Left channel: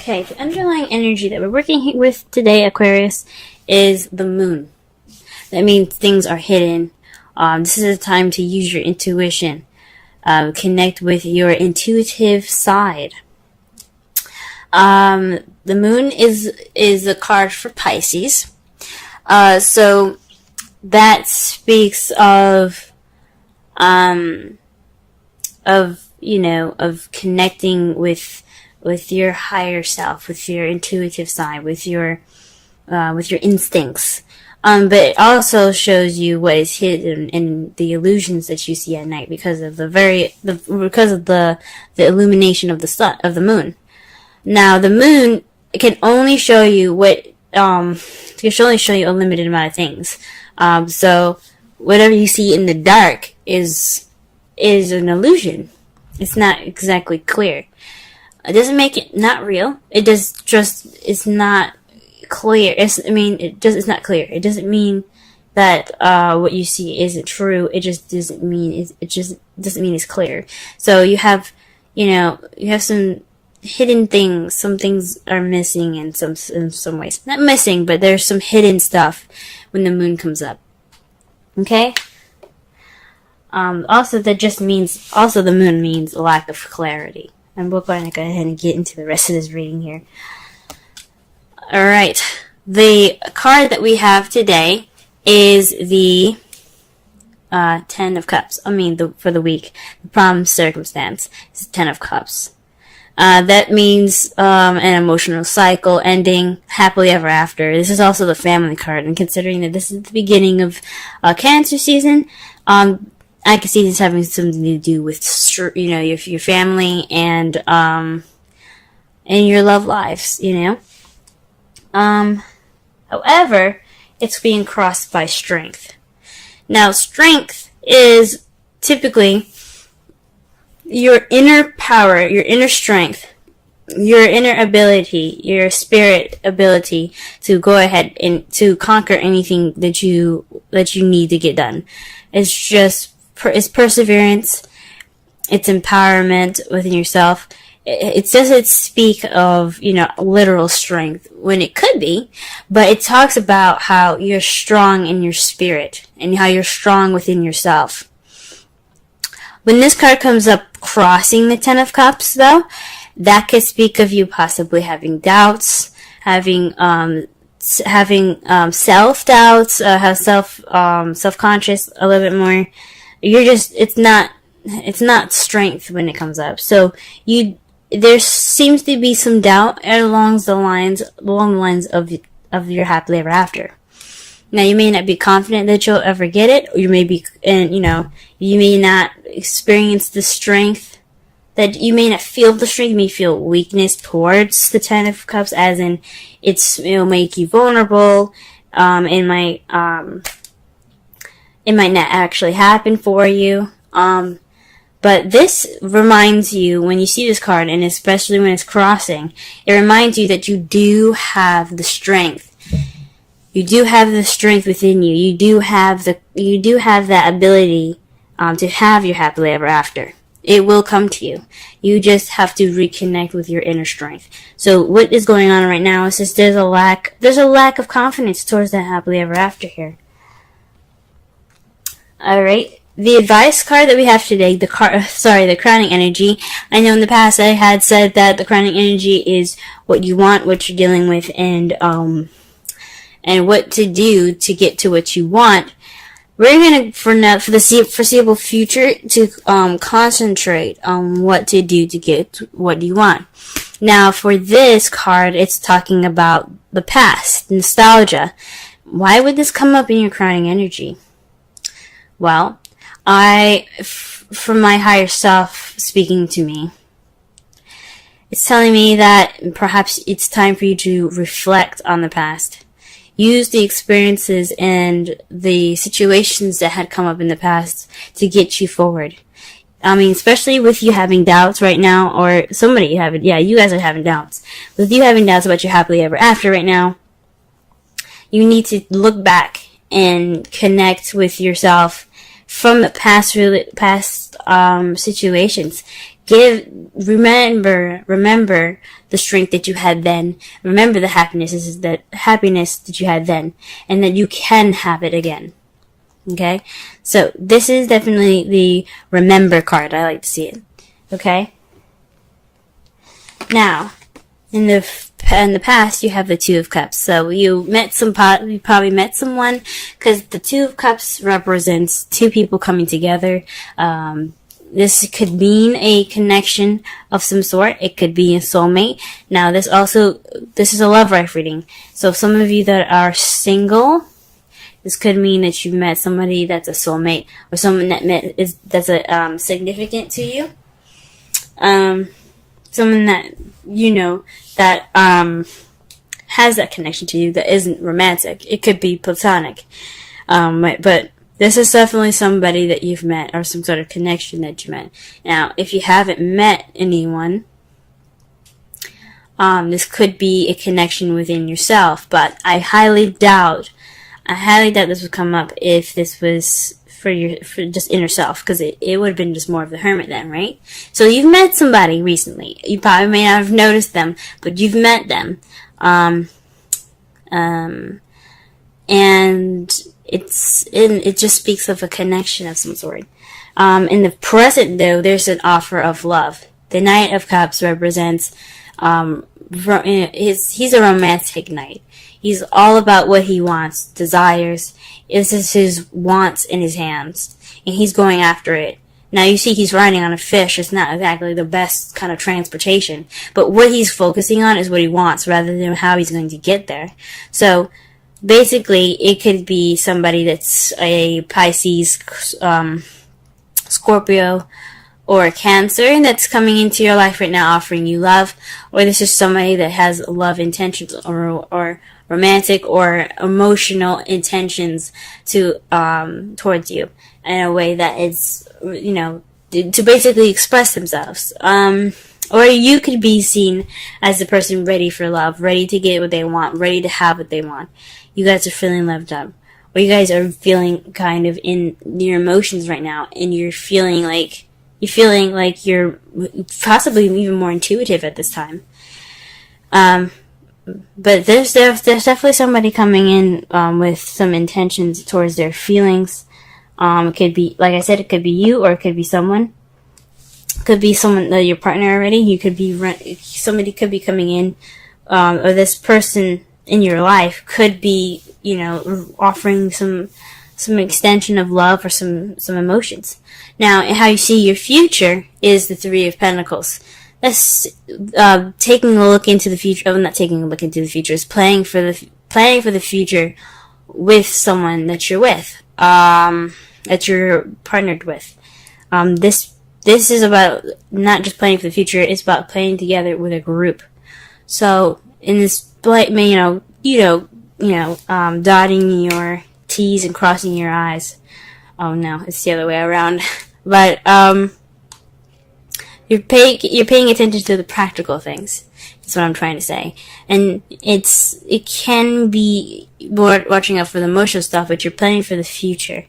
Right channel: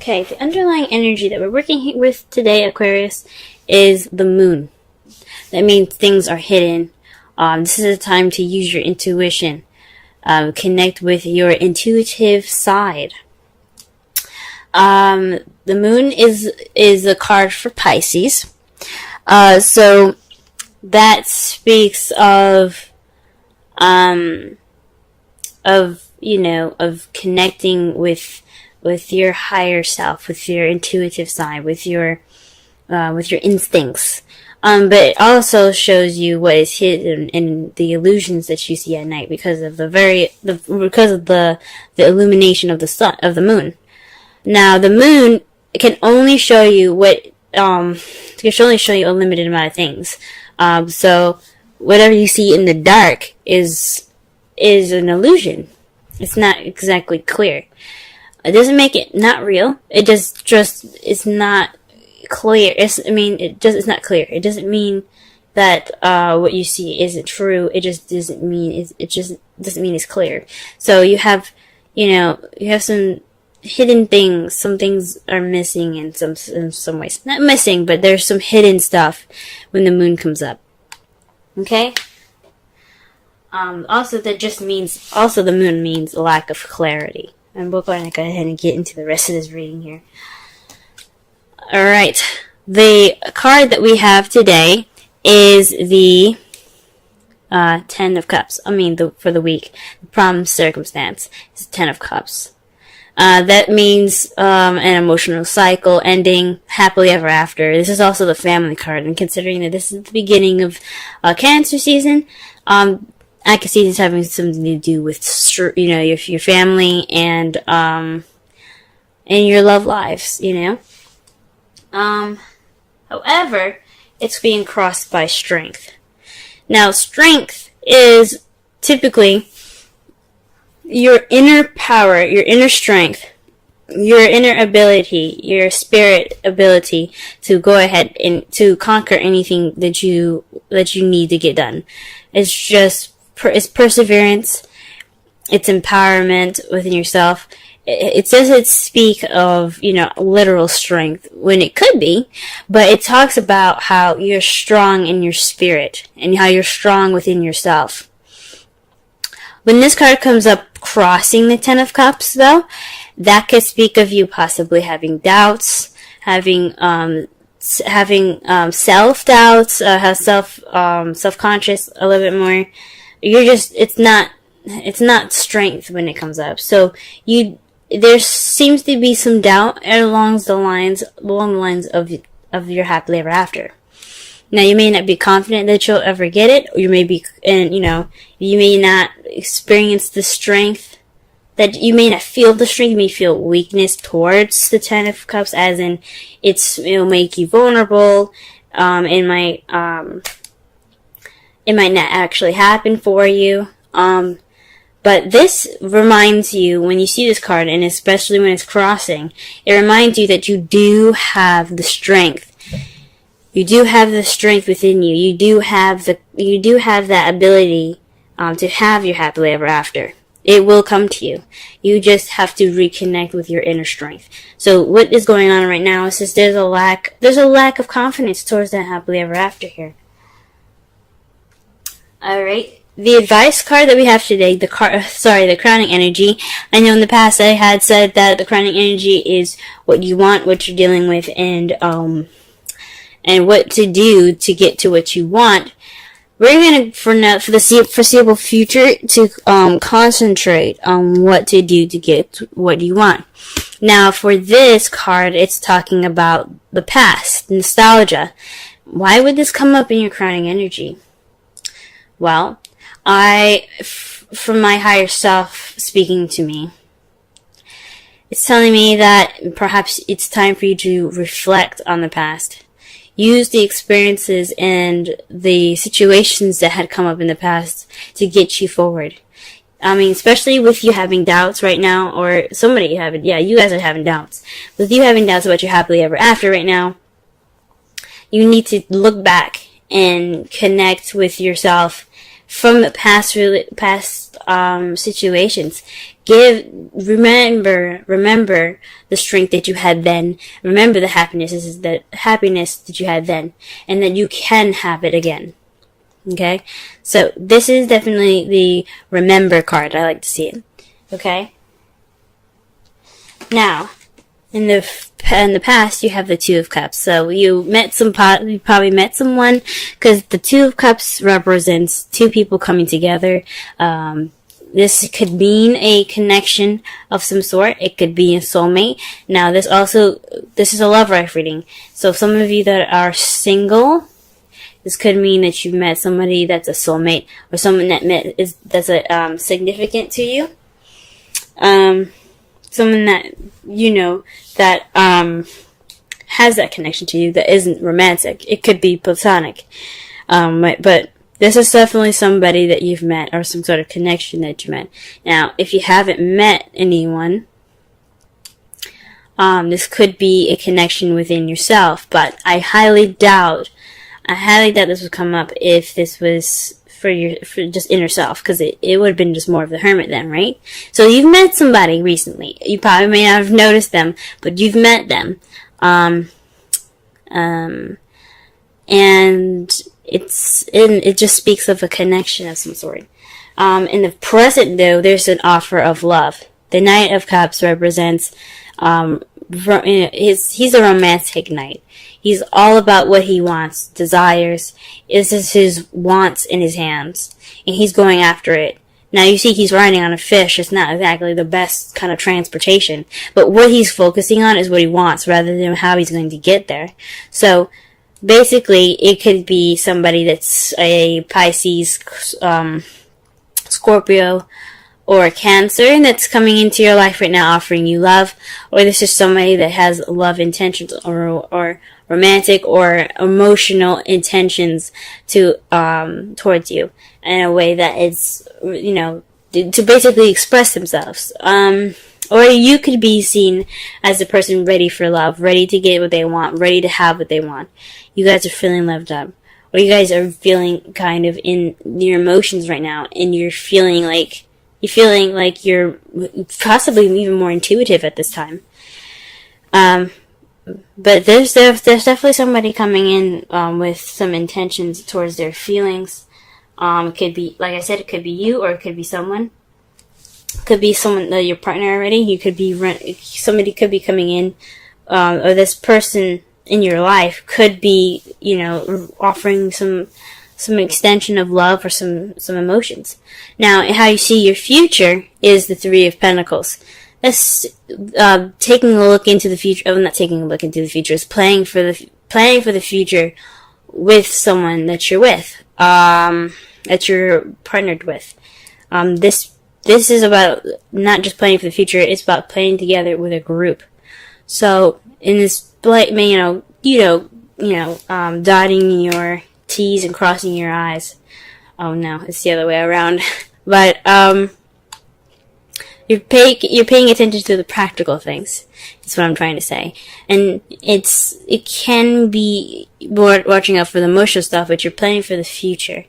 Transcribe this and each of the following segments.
Okay, the underlying energy that we're working with today, Aquarius, is the moon. That means things are hidden. This is a time to use your intuition. Connect with your intuitive side. The moon is a card for Pisces. So that speaks of connecting with your higher self, with your intuitive side, with your instincts. But it also shows you what is hidden in the illusions that you see at night because of the illumination of the moon. Now, the moon can only show you a limited amount of things. So whatever you see in the dark is an illusion. It's not exactly clear. It doesn't make it not real. It just it's not clear. It's not clear. It doesn't mean that what you see isn't true. It just doesn't mean it's clear. So you have some hidden things. Some things are missing in some ways. Not missing, but there's some hidden stuff when the moon comes up. Okay? Also the moon means lack of clarity. And we're going to go ahead and get into the rest of this reading here. Alright. The card that we have today is the Ten of Cups. For the week. The problem circumstance is the Ten of Cups. That means an emotional cycle ending happily ever after. This is also the family card. And considering that this is the beginning of Cancer season, I can see this having something to do with, your family and your love lives, However, it's being crossed by strength. Now, strength is typically your inner power, your inner strength, your inner ability, your spirit ability to go ahead and to conquer anything that you need to get done. It's perseverance, it's empowerment within yourself. It doesn't speak of, literal strength when it could be, but it talks about how you're strong in your spirit and how you're strong within yourself. When this card comes up crossing the Ten of Cups, though, that could speak of you possibly having doubts, having self-doubts, self-conscious a little bit more. It's not strength when it comes up. So there seems to be some doubt along the lines of your happily ever after. Now, you may not be confident that you'll ever get it, or you may not experience the strength, that you may not feel the strength, you may feel weakness towards the Ten of Cups, as in, it'll make you vulnerable, it might not actually happen for you, but this reminds you, when you see this card, and especially when it's crossing, it reminds you that you do have the strength. You do have the strength within you. You do have that ability to have your happily ever after. It will come to you. You just have to reconnect with your inner strength. So what is going on right now is just there's a lack of confidence towards that happily ever after here. Alright. The advice card that we have today, the crowning energy. I know in the past I had said that the crowning energy is what you want, what you're dealing with, and what to do to get to what you want. We're going to, for the foreseeable future, to concentrate on what to do to get what you want. Now, for this card, it's talking about the past, nostalgia. Why would this come up in your crowning energy? Well, from my higher self speaking to me, it's telling me that perhaps it's time for you to reflect on the past. Use the experiences and the situations that had come up in the past to get you forward. Especially with you having doubts right now, or you guys are having doubts. With you having doubts about your happily ever after right now, you need to look back and connect with yourself from past situations. Remember the strength that you had then. Remember the happiness that you had then, and that you can have it again. Okay? So, this is definitely the remember card. I like to see it. Okay? Now, in the past, you have the Two of Cups. So you probably met someone, because the Two of Cups represents two people coming together. This could mean a connection of some sort. It could be a soulmate. Now, this is a love life reading. So some of you that are single, this could mean that you met somebody that's a soulmate, or someone that's significant to you. Someone that that has that connection to you that isn't romantic. It could be platonic. But this is definitely somebody that you've met, or some sort of connection that you met. Now, if you haven't met anyone, this could be a connection within yourself, but I highly doubt this would come up if this was for just inner self, because it would have been just more of the hermit then, right? So you've met somebody recently. You probably may not have noticed them, but you've met them. And it just speaks of a connection of some sort. In the present, though, there's an offer of love. The Knight of Cups represents, he's a romantic knight. He's all about what he wants, desires. This is his wants in his hands, and he's going after it. Now, you see he's riding on a fish. It's not exactly the best kind of transportation, but what he's focusing on is what he wants, rather than how he's going to get there. So, basically, it could be somebody that's a Pisces, Scorpio, or a Cancer that's coming into your life right now offering you love, or this is somebody that has love intentions, or romantic or emotional intentions towards you in a way that it's, to basically express themselves. Or you could be seen as the person ready for love, ready to get what they want, ready to have what they want. You guys are feeling loved up. Or you guys are feeling kind of in your emotions right now, and you're feeling like you're possibly even more intuitive at this time. But there's definitely somebody coming in with some intentions towards their feelings. It could be, like I said, it could be you, or it could be someone. It could be someone, your partner already. You could be somebody could be coming in, or this person in your life could be, offering some extension of love or some emotions. Now, how you see your future is the Three of Pentacles. That's taking a look into the future. Oh, not taking a look into the future. It's planning for the future with someone that you're with, that you're partnered with. This is about not just planning for the future. It's about playing together with a group. So in this, dotting your T's and crossing your I's. Oh no, it's the other way around. But you're paying attention to the practical things. That's what I'm trying to say. And it can be watching out for the emotional stuff, but you're planning for the future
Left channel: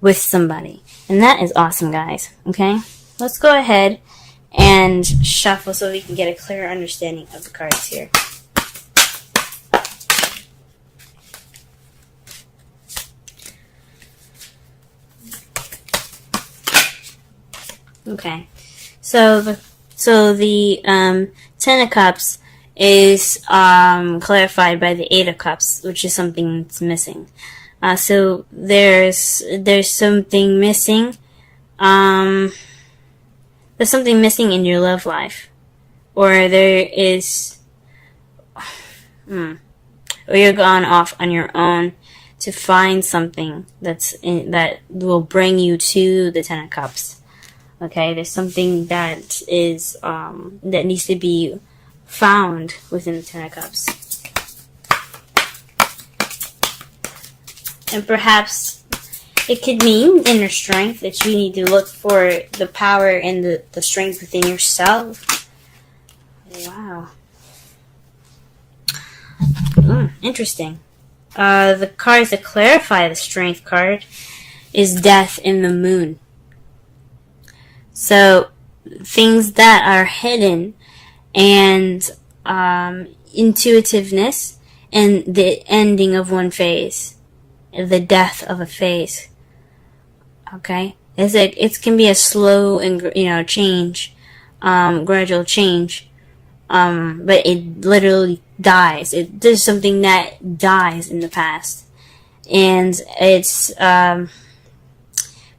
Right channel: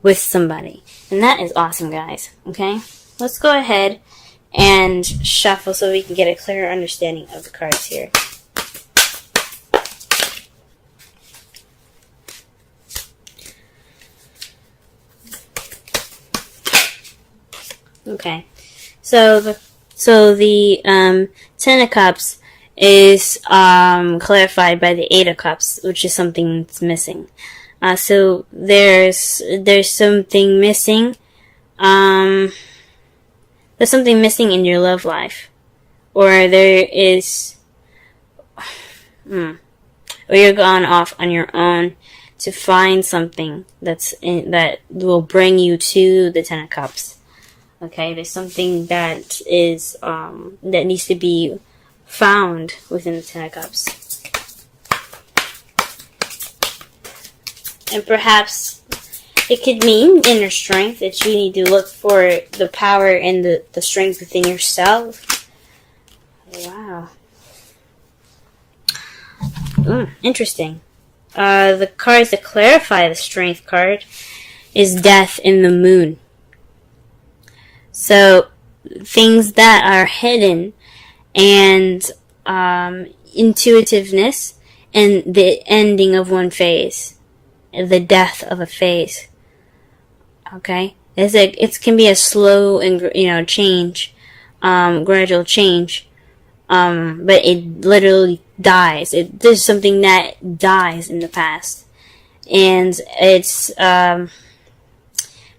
with somebody. And that is awesome, guys. Okay? Let's go ahead and shuffle so we can get a clearer understanding of the cards here. Okay. So the Ten of Cups is clarified by the Eight of Cups, which is something that's missing. So there's something missing. There's something missing in your love life, or there is, or you're gone off on your own to find something that will bring you to the Ten of Cups. Okay, there's something that is that needs to be found within the Ten of Cups, and perhaps it could mean inner strength, that you need to look for the power and the strength within yourself. Wow, interesting. The cards that clarify the strength card is Death and the Moon. So, things that are hidden, and intuitiveness, and the ending of one phase, the death of a phase. Okay, it can be a slow and change, gradual change, but it literally dies. There's something that dies in the past, and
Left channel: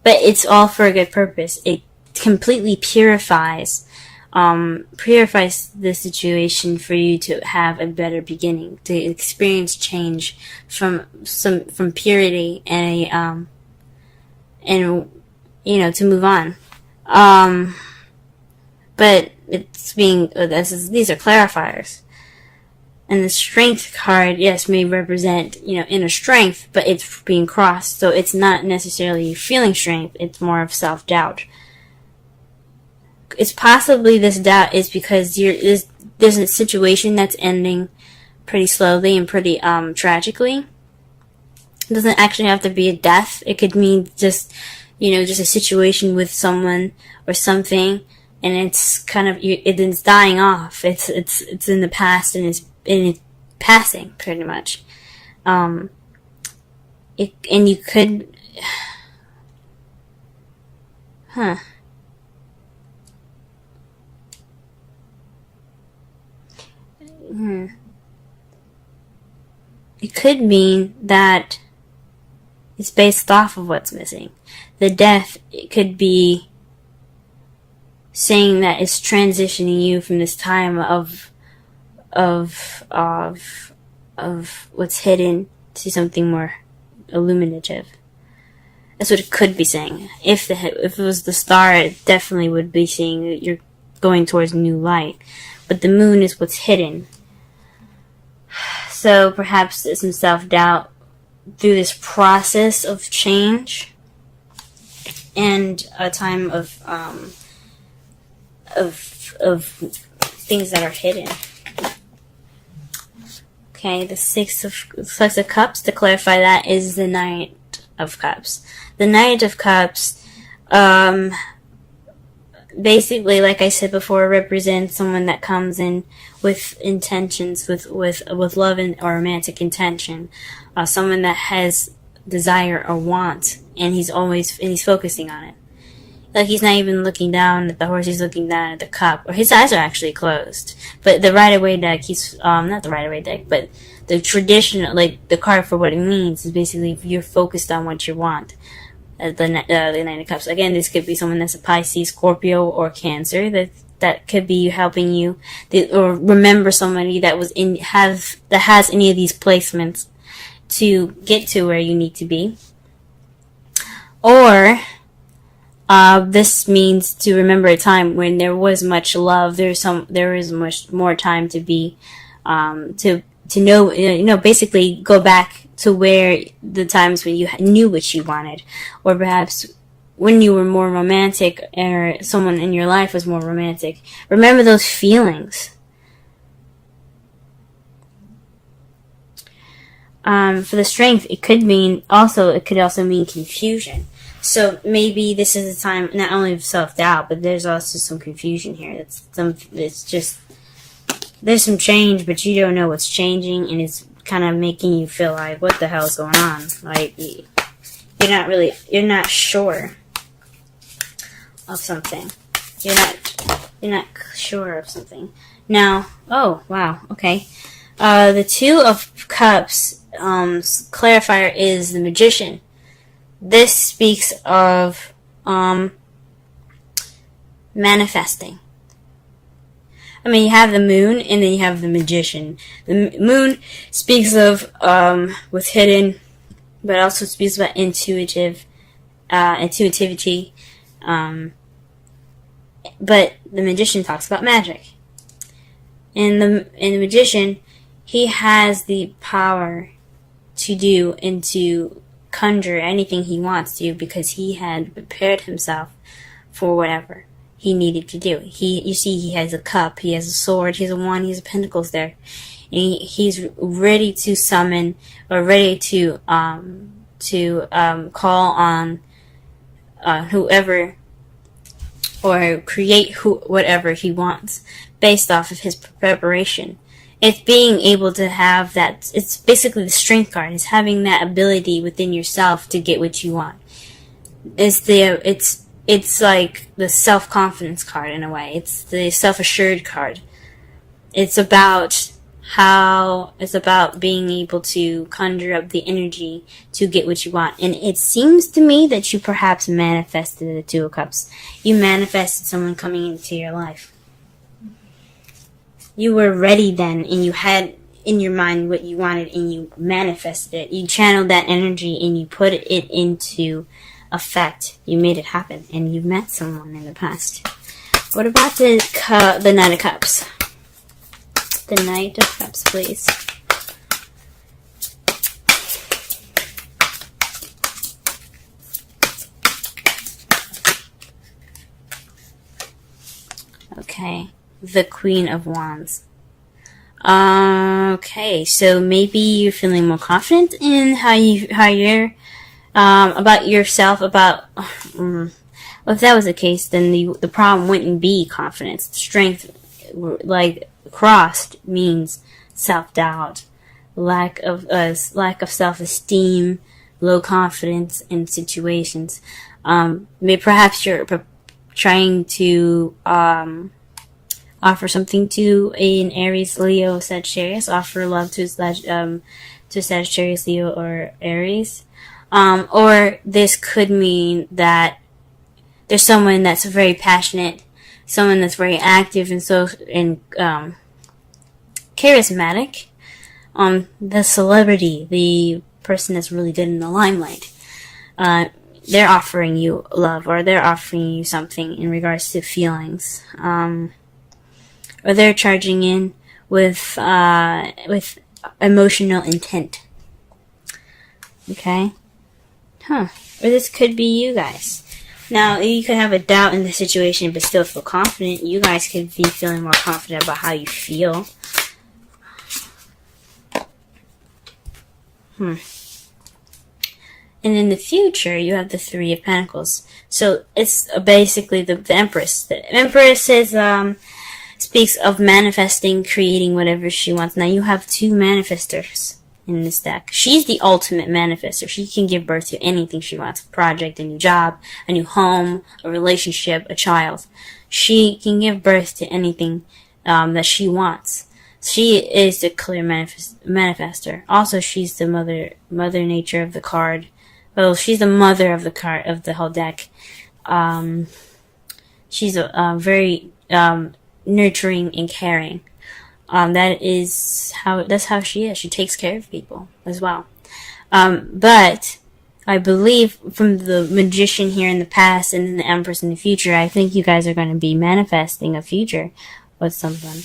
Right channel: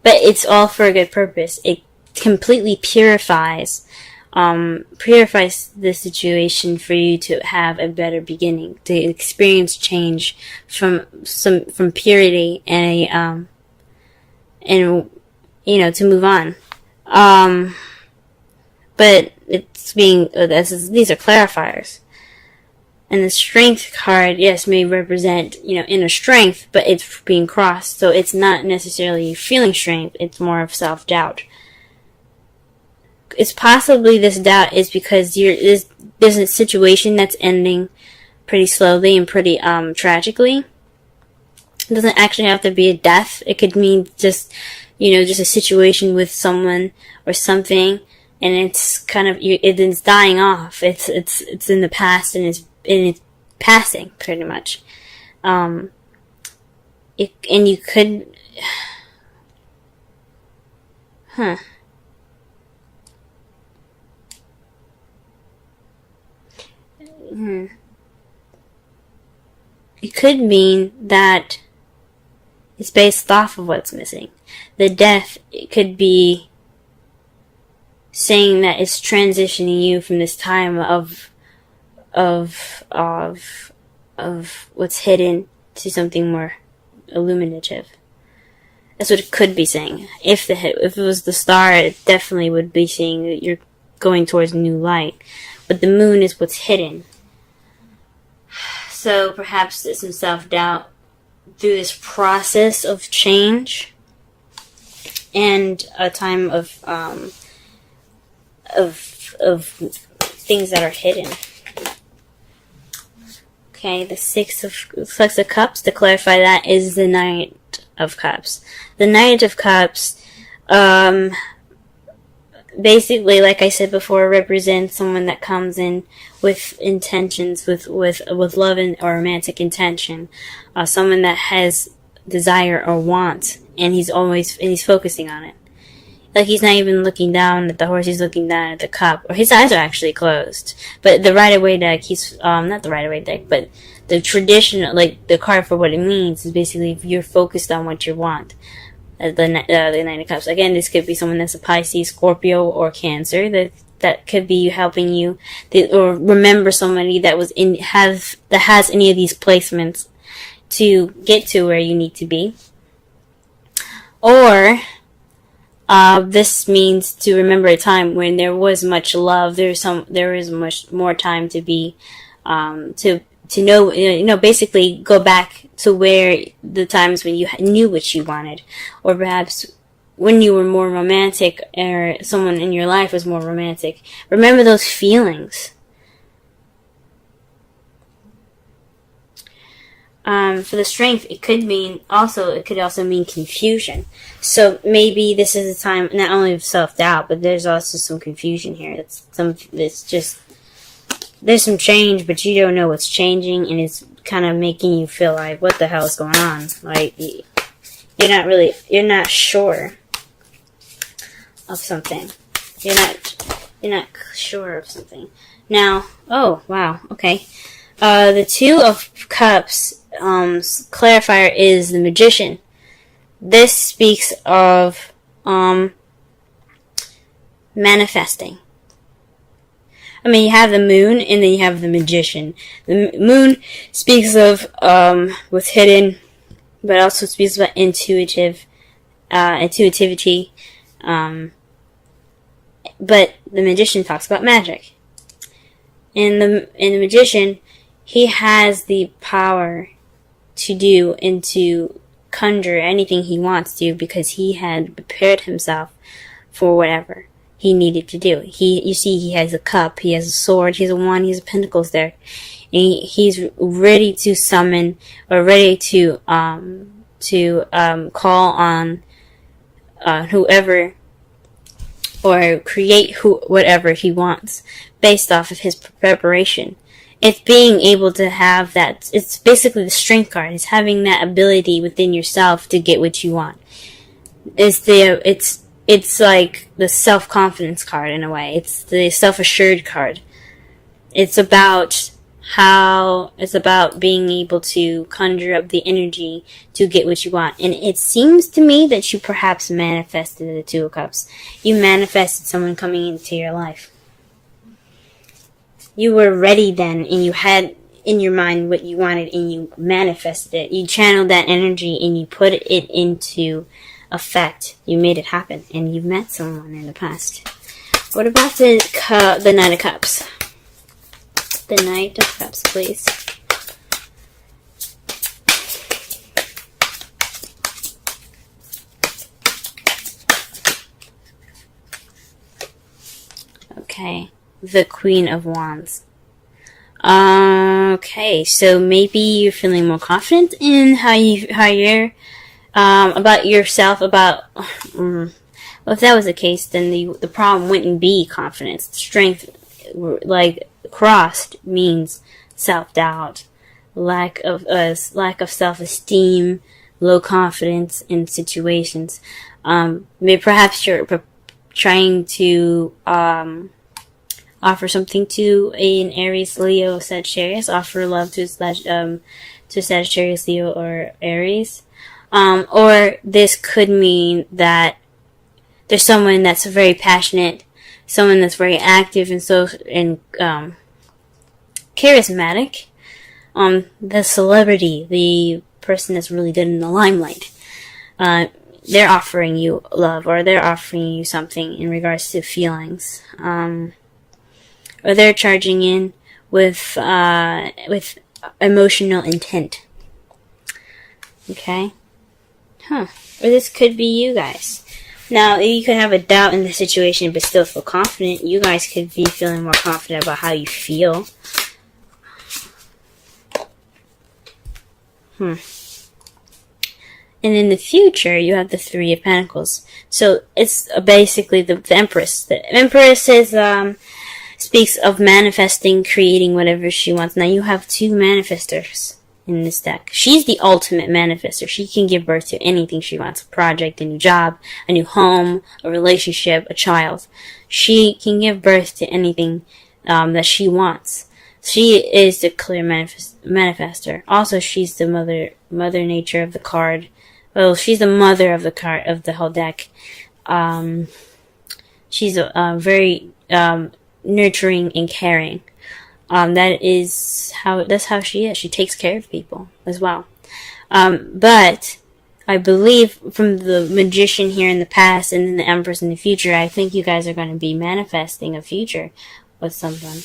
but it's all for a good purpose. It completely purifies the situation for you to have a better beginning, to experience change from purity and to move on. But these are clarifiers. And the strength card, yes, may represent, inner strength, but it's being crossed, so it's not necessarily feeling strength, it's more of self-doubt. It's possibly this doubt is because there's a situation that's ending pretty slowly and pretty tragically. It doesn't actually have to be a death. It could mean just a situation with someone or something, and it's kind of it's dying off. It's in the past, and it's passing pretty much. And you could, It could mean that it's based off of what's missing. The death, it could be saying that it's transitioning you from this time of what's hidden to something more illuminative. That's what it could be saying. If it was the star, it definitely would be saying that you're going towards new light. But the moon is what's hidden. So perhaps there's some self-doubt through this process of change and a time of things that are hidden. Okay, the Six of Cups, to clarify that, is the Knight of Cups. The Knight of Cups, basically, like I said before, represents someone that comes in with intentions, with love or romantic intention, someone that has desire or want, and he's focusing on it. Like, he's not even looking down at the horse, he's looking down at the cup. Or his eyes are actually closed. But the Rider-Waite deck, not the Rider-Waite deck, but the traditional, like, the card for what it means is basically if you're focused on what you want. The Knight of Cups. Again, this could be someone that's a Pisces, Scorpio, or Cancer. That could be helping you, or remember somebody that has any of these placements to get to where you need to be. Or this means to remember a time when there was much love. There is much more time to be to know, basically go back to where the times when you knew what you wanted, or perhaps when you were more romantic, or someone in your life was more romantic. Remember those feelings. For the Strength, it could also mean confusion. So maybe this is a time not only of self-doubt, but there's also some confusion here. There's some change, but you don't know what's changing, and it's kind of making you feel like, what the hell's going on? Like, you're not sure of something. You're not sure of something. Now, oh, wow, okay. The Two of Cups, clarifier is the Magician. This speaks of, manifesting. I mean, you have the Moon, and then you have the Magician. The Moon speaks of what's hidden, but also speaks about intuitivity. But the Magician talks about magic. In the Magician, he has the power to do and to conjure anything he wants to, because he had prepared himself for whatever he needed to do. You see, he has a cup, he has a sword, he has a wand, he has a pentacles there, and he's ready to summon, or ready to call on whoever or create whatever he wants based off of his preparation. It's being able to have that. It's basically the strength card. It's having that ability within yourself to get what you want. It's like the self-confidence card in a way. It's the self-assured card. It's about being able to conjure up the energy to get what you want. And it seems to me that you perhaps manifested the Two of Cups. You manifested someone coming into your life. You were ready then, and you had in your mind what you wanted, and you manifested it. You channeled that energy, and you put it into effect. You made it happen, and you met someone in the past. What about the Knight of Cups? The Knight of Cups, please. Okay. The Queen of Wands. Okay, so maybe you're feeling more confident in how you're about yourself. Well, if that was the case, then the problem wouldn't be confidence. Strength, like crossed, means self-doubt, lack of self-esteem, low confidence in situations. Maybe perhaps you're trying to offer something to an Aries, Leo, Sagittarius. Offer love to Sagittarius, Leo, or Aries. Or this could mean that there's someone that's very passionate, someone that's very active and charismatic. The celebrity, the person that's really good in the limelight. They're offering you love, or they're offering you something in regards to feelings. Or they're charging in with emotional intent. Okay? Or this could be you guys. Now, you could have a doubt in the situation, but still feel confident. You guys could be feeling more confident about how you feel. And in the future, you have the Three of Pentacles. So it's basically the Empress. The Empress speaks of manifesting, creating whatever she wants. Now you have two manifestors in this deck. She's the ultimate manifester. She can give birth to anything she wants. A project, a new job, a new home, a relationship, a child. She can give birth to anything that she wants. She is the clear manifester. Also, she's the mother nature of the card. Well, she's the mother of the card, of the whole deck. She's very nurturing and caring. That's how she is. She takes care of people as well. But I believe from the Magician here in the past and then the Empress in the future, I think you guys are going to be manifesting a future with something.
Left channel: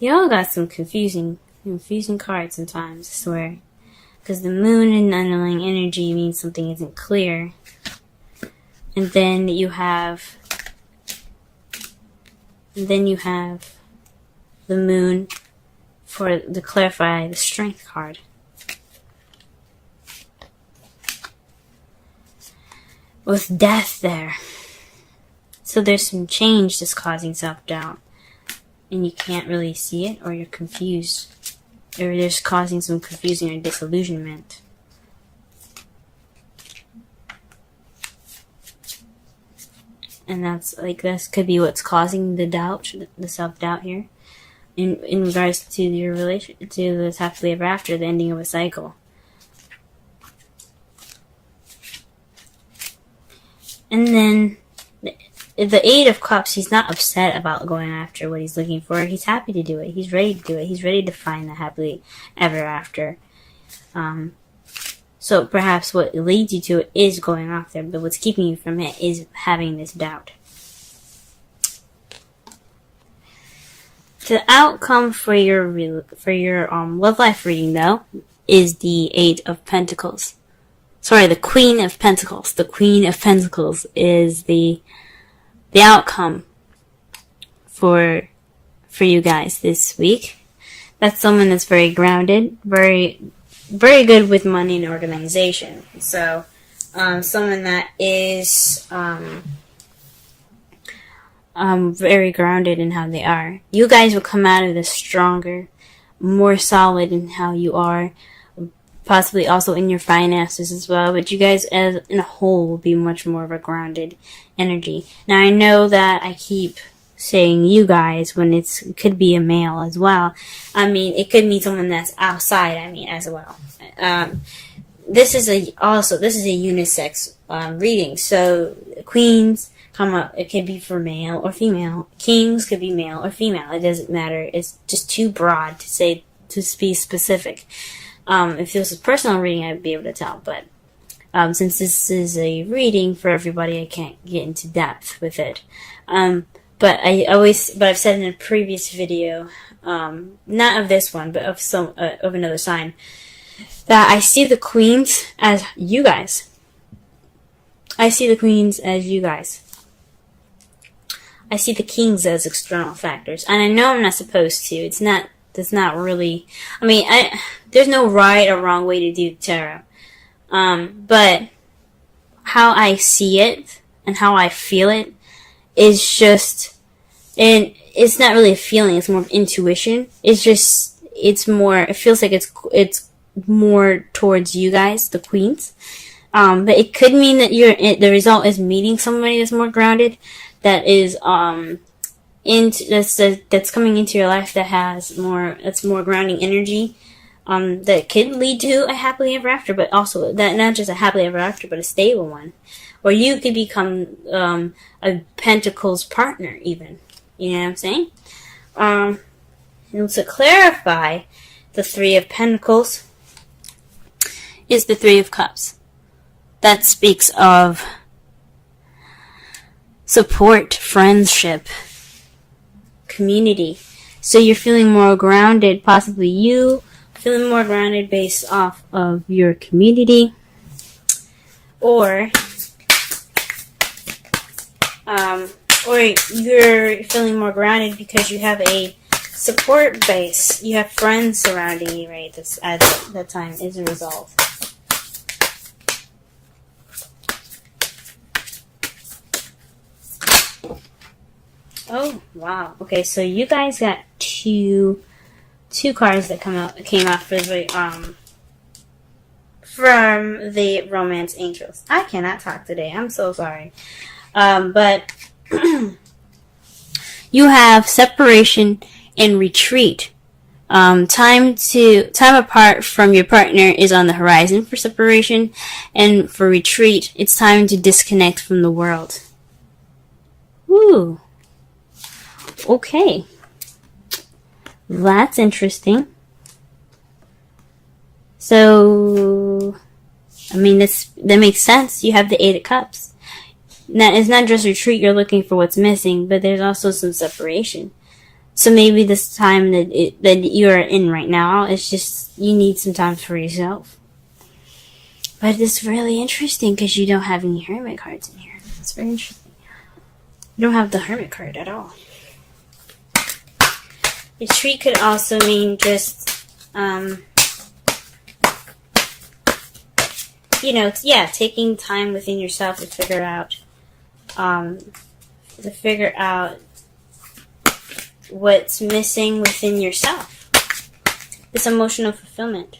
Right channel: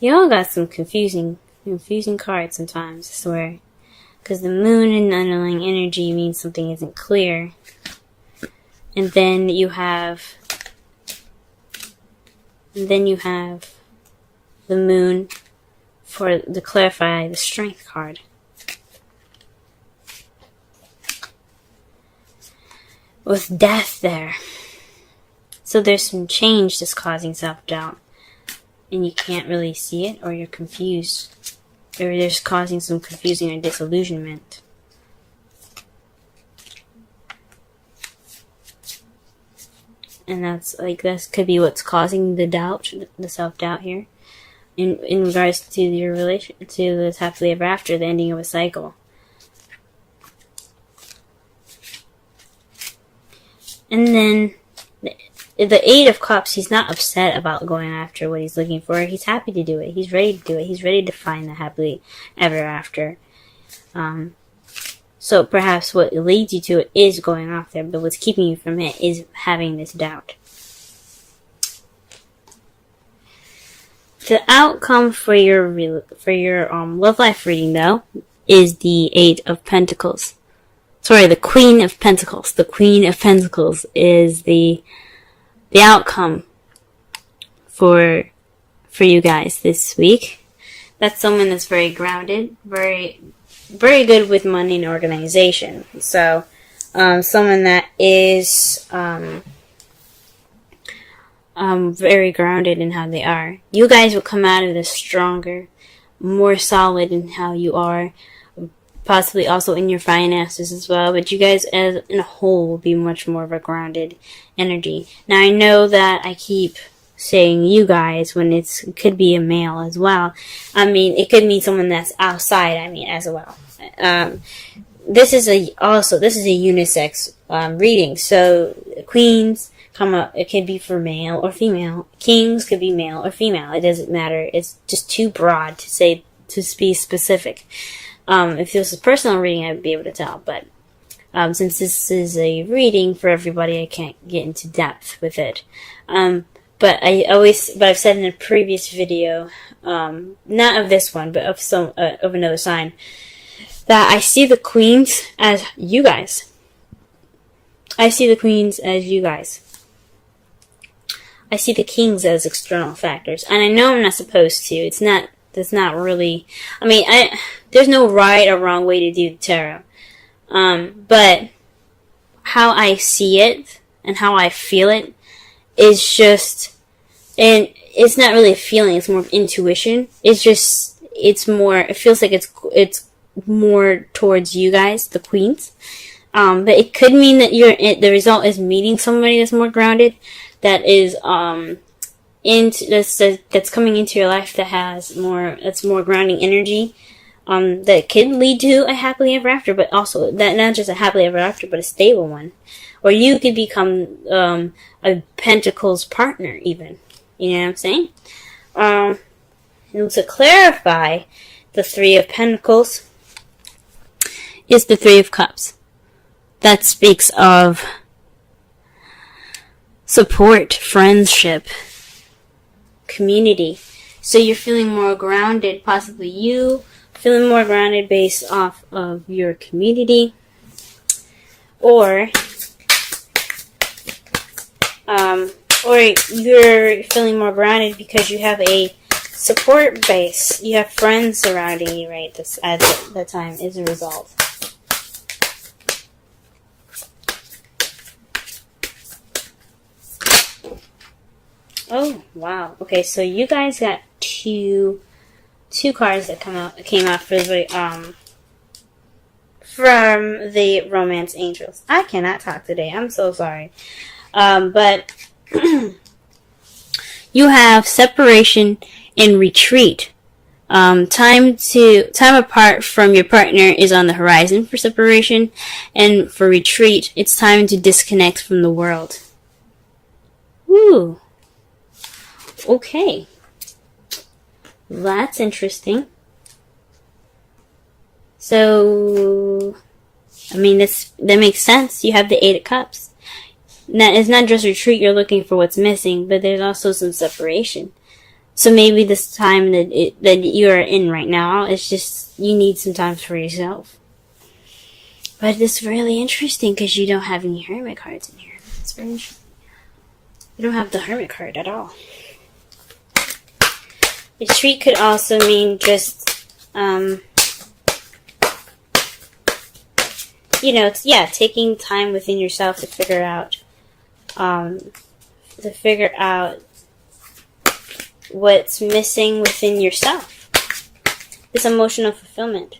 You all got some confusing cards sometimes, I swear. Because the Moon and underlying energy means something isn't clear. And then you have the Moon to clarify the Strength card. With Death there. So there's some change that's causing self-doubt. And you can't really see it, or you're confused. Or there's causing some confusion or disillusionment. And that could be what's causing the doubt, the self-doubt here. In regards to your relation, to this happily ever after, the ending of a cycle. And then the Eight of Cups, he's not upset about going after what he's looking for. He's happy to do it. He's ready to do it. He's ready to find the happily ever after. So perhaps what leads you to it is going off there, but what's keeping you from it is having this doubt. The outcome for your love life reading, though, is the Eight of Pentacles. Sorry, the Queen of Pentacles. The Queen of Pentacles is the outcome for you guys this week. That's someone that's very grounded, very very good with money and organization. So someone that is very grounded in how they are. You guys will come out of this stronger, more solid in how you are, possibly also in your finances as well, but you guys as in a whole will be much more of a grounded energy. Now I know that I keep saying you guys when it could be a male as well. I mean, it could mean someone that's outside, I mean, as well. This is a unisex reading, so queens come up, it can be for male or female. Kings could be male or female. It doesn't matter. It's just too broad to be specific. If this is a personal reading, I'd be able to tell, but since this is a reading for everybody, I can't get into depth with it. But I've said in a previous video, not of this one, but of another sign, that I see the queens as you guys. I see the queens as you guys. I see the kings as external factors, and I know I'm not supposed to. That's not really. I mean, there's no right or wrong way to do the tarot, but how I see it and how I feel it is just, and it's not really feeling. It's more of intuition. It feels like it's more towards you guys, the queens. But it could mean that the result is meeting somebody that's more grounded, that is that's coming into your life that's more grounding energy, that can lead to a happily ever after, but also that not just a happily ever after, but a stable one. Or you could become a Pentacles partner even. You know what I'm saying? And to clarify, the Three of Pentacles is the Three of Cups. That speaks of support, friendship, community. So you're feeling more grounded, possibly you feeling more grounded based off of your community, or you're feeling more grounded because you have a support base. You have friends surrounding you, right? This at the time is a result. Oh wow! Okay, so you guys got two cards that came out for the from the Romance Angels. I cannot talk today. I'm so sorry. But you have separation and retreat. Time apart from your partner is on the horizon for separation, and for retreat, it's time to disconnect from the world. Woo. Okay. That's interesting. So, I mean, that makes sense. You have the Eight of Cups. Now, it's not just retreat, you're looking for what's missing, but there's also some separation. So maybe this time that you are in right now, it's just, you need some time for yourself. But it's really interesting because you don't have any Hermit cards in here. It's very interesting. You don't have the Hermit card at all. Retreat could also mean just, taking time within yourself to figure out what's missing within yourself. This emotional fulfillment.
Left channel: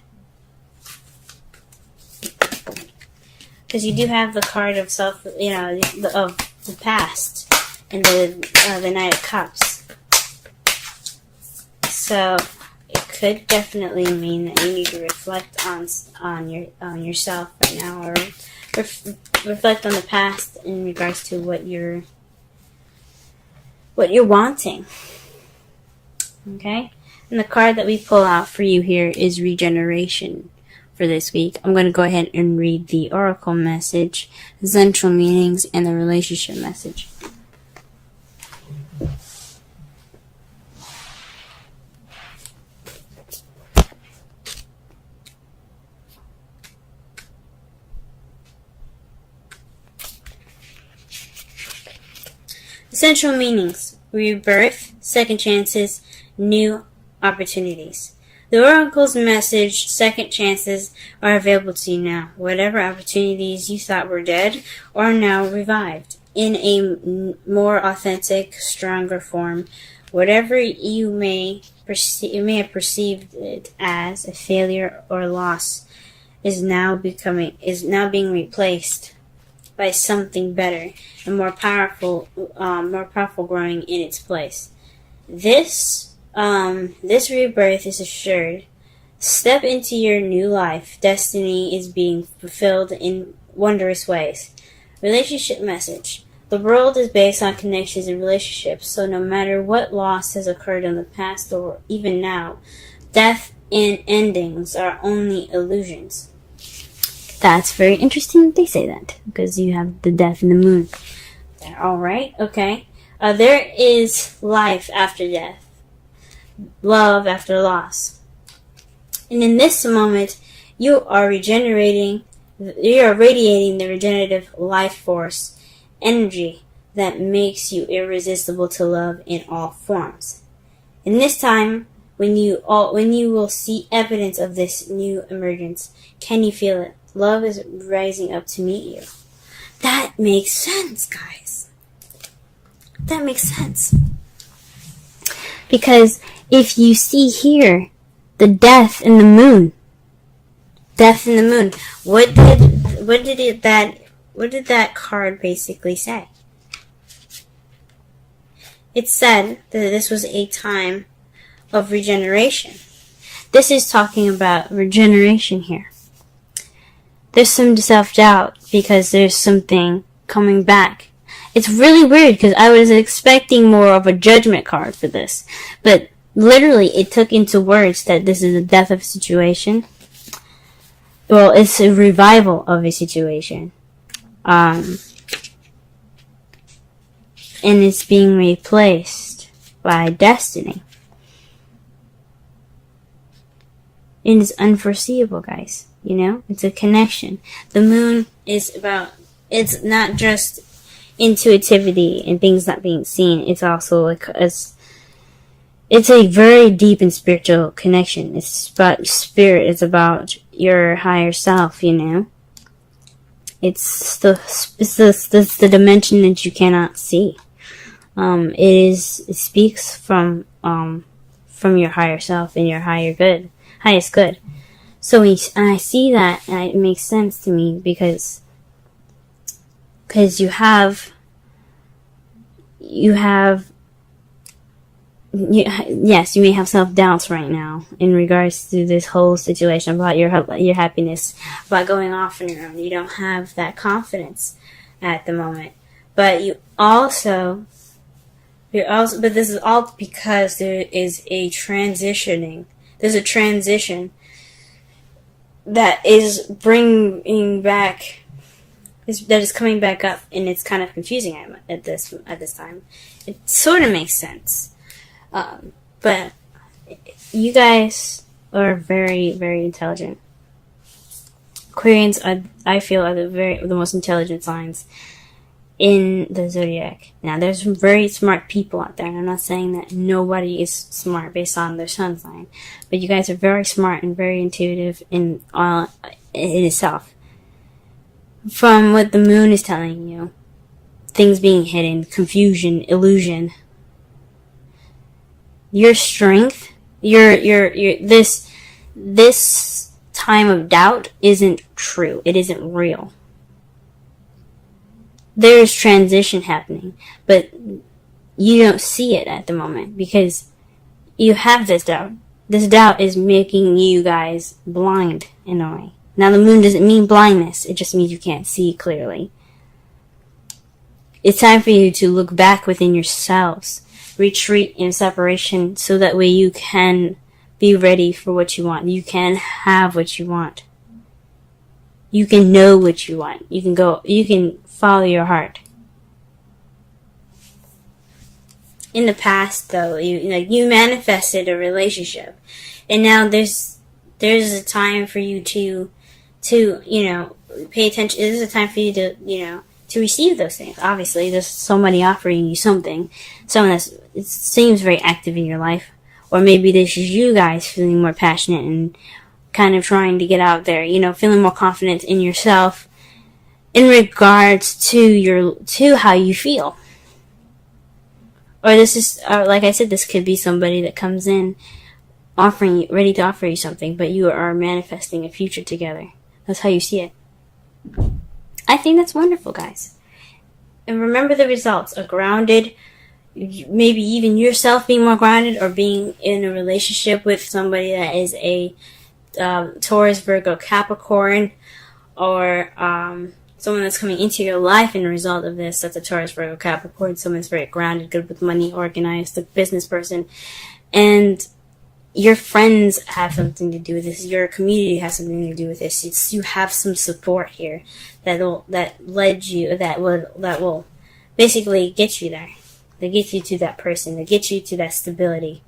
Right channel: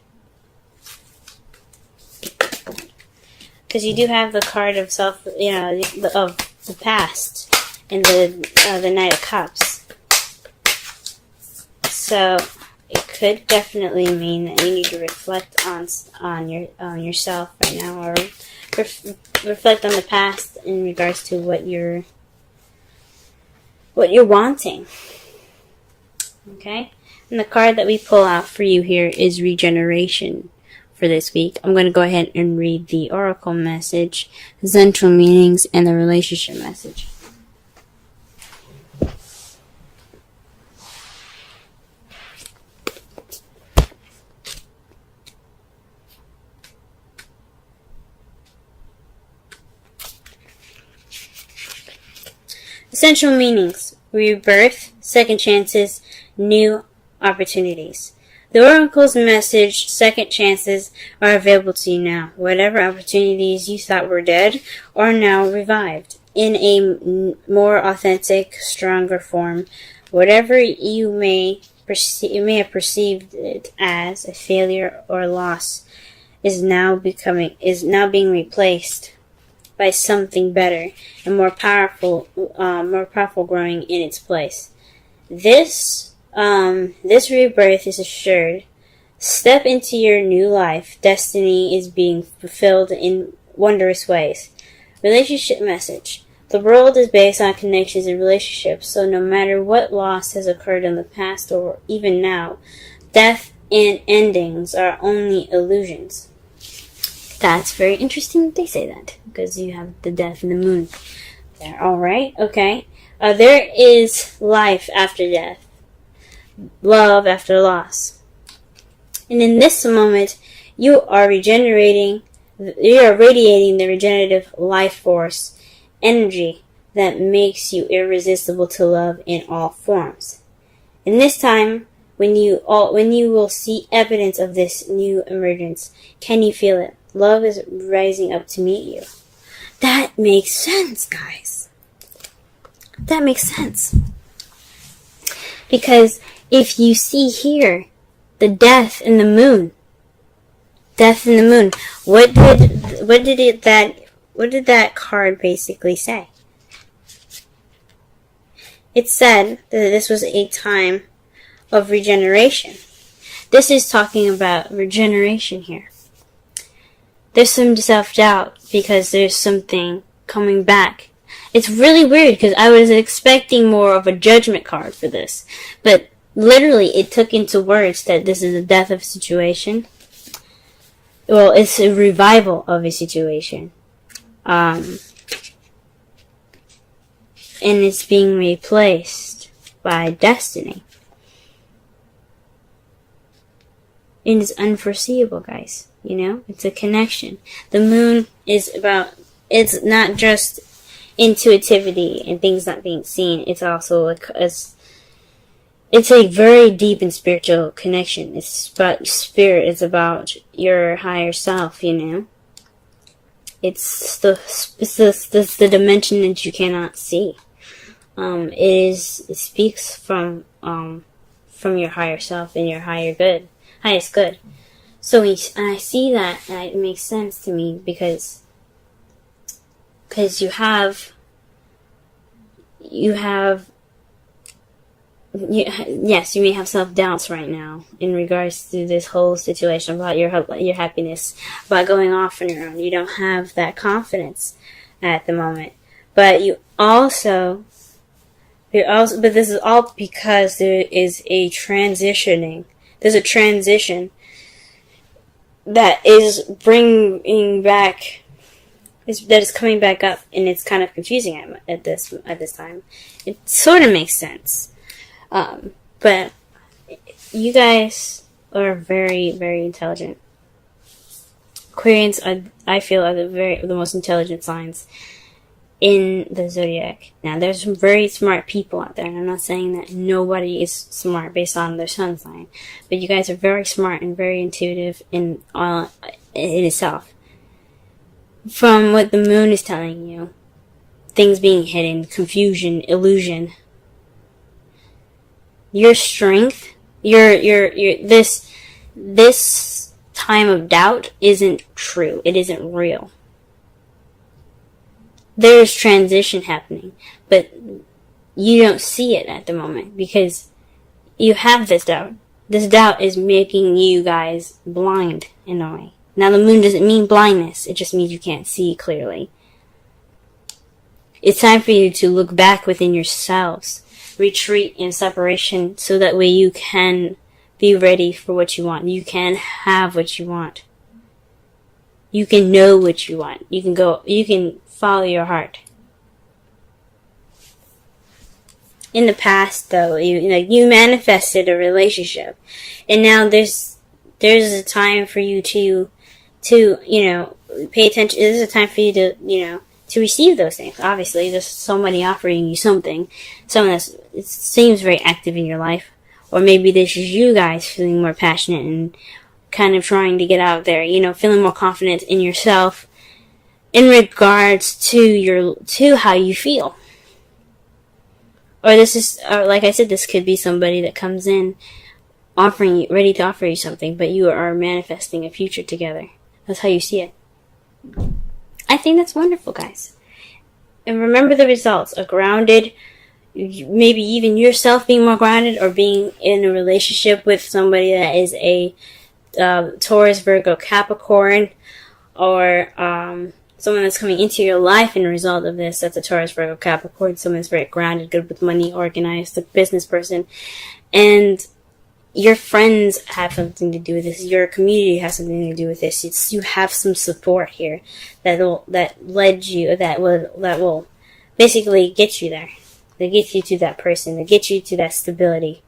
Because you do have the card of of the past and the Knight of Cups. So it could definitely mean that you need to reflect on yourself right now, or reflect on the past in regards to what you're wanting. Okay? And the card that we pull out for you here is regeneration for this week. I'm going to go ahead and read the oracle message, the central meanings, and the relationship message. Essential meanings: rebirth, second chances, new opportunities. The Oracle's message, second chances, are available to you now. Whatever opportunities you thought were dead are now revived in a more authentic, stronger form. Whatever you may have perceived it as a failure or loss is now being replaced by something better and more powerful growing in its place. This rebirth is assured. Step into your new life. Destiny is being fulfilled in wondrous ways. Relationship message. The world is based on connections and relationships, so no matter what loss has occurred in the past or even now, death and endings are only illusions. That's very interesting they say that, because you have the death and the moon there. Alright, okay. There is life after death. Love after loss. And in this moment, you are radiating the regenerative life force energy that makes you irresistible to love in all forms. In this time, when you will see evidence of this new emergence, can you feel it? Love is rising up to meet you. That makes sense, guys. That makes sense. Because if you see here, the death in the moon, what did that card basically say? It said that this was a time of regeneration. This is talking about regeneration here. There's some self-doubt because there's something coming back. It's really weird because I was expecting more of a judgment card for this. But literally it took into words that this is a death of a situation. Well, it's a revival of a situation. And it's being replaced by destiny. And it's unforeseeable, guys. You know, it's a connection. The moon is about, it's not just intuitivity and things not being seen. It's also like, it's a very deep and spiritual connection. It's about spirit. It's about your higher self, you know. It's the dimension that you cannot see. It speaks from your higher self and your highest good. So when I see that, it makes sense to me because you may have self-doubts right now in regards to this whole situation about your happiness, about going off on your own. You don't have that confidence at the moment. But but this is all because there is a transitioning. There's a transition that is bringing back, that is coming back up, and it's kind of confusing at this time. It sort of makes sense. But you guys are very, very intelligent. Aquarians I feel are the most intelligent signs in the zodiac. Now, there's some very smart people out there, and I'm not saying that nobody is smart based on their sun sign, but you guys are very smart and very intuitive in itself. From what the moon is telling you, things being hidden, confusion, illusion, your strength, this time of doubt isn't true. It isn't real. There's transition happening, but you don't see it at the moment because you have this doubt. This doubt is making you guys blind in a way. Now, the moon doesn't mean blindness. It just means you can't see clearly. It's time for you to look back within yourselves, retreat in separation, so that way you can be ready for what you want. You can have what you want. You can know what you want. You can follow your heart. In the past, though, you manifested a relationship, and now there's a time for you to pay attention. There's a time for you to receive those things. Obviously, there's somebody offering you something, someone it seems very active in your life, Or maybe this is you guys feeling more passionate and kind of trying to get out there, you know, feeling more confident in yourself in regards to how you feel. Or this is, or like I said, this could be somebody that comes in ready to offer you something, but you are manifesting a future together. That's how you see it. I think that's wonderful, guys. And remember the results. A grounded, maybe even yourself being more grounded, or being in a relationship with somebody that is a Taurus, Virgo, Capricorn, or someone that's coming into your life in a result of this. That's a Taurus, Virgo, Capricorn. Someone that's very grounded, good with money, organized, a business person. And your friends have something to do with this. Your community has something to do with this. You have some support here that will basically get you there. That gets you to that person. That gets you to that stability.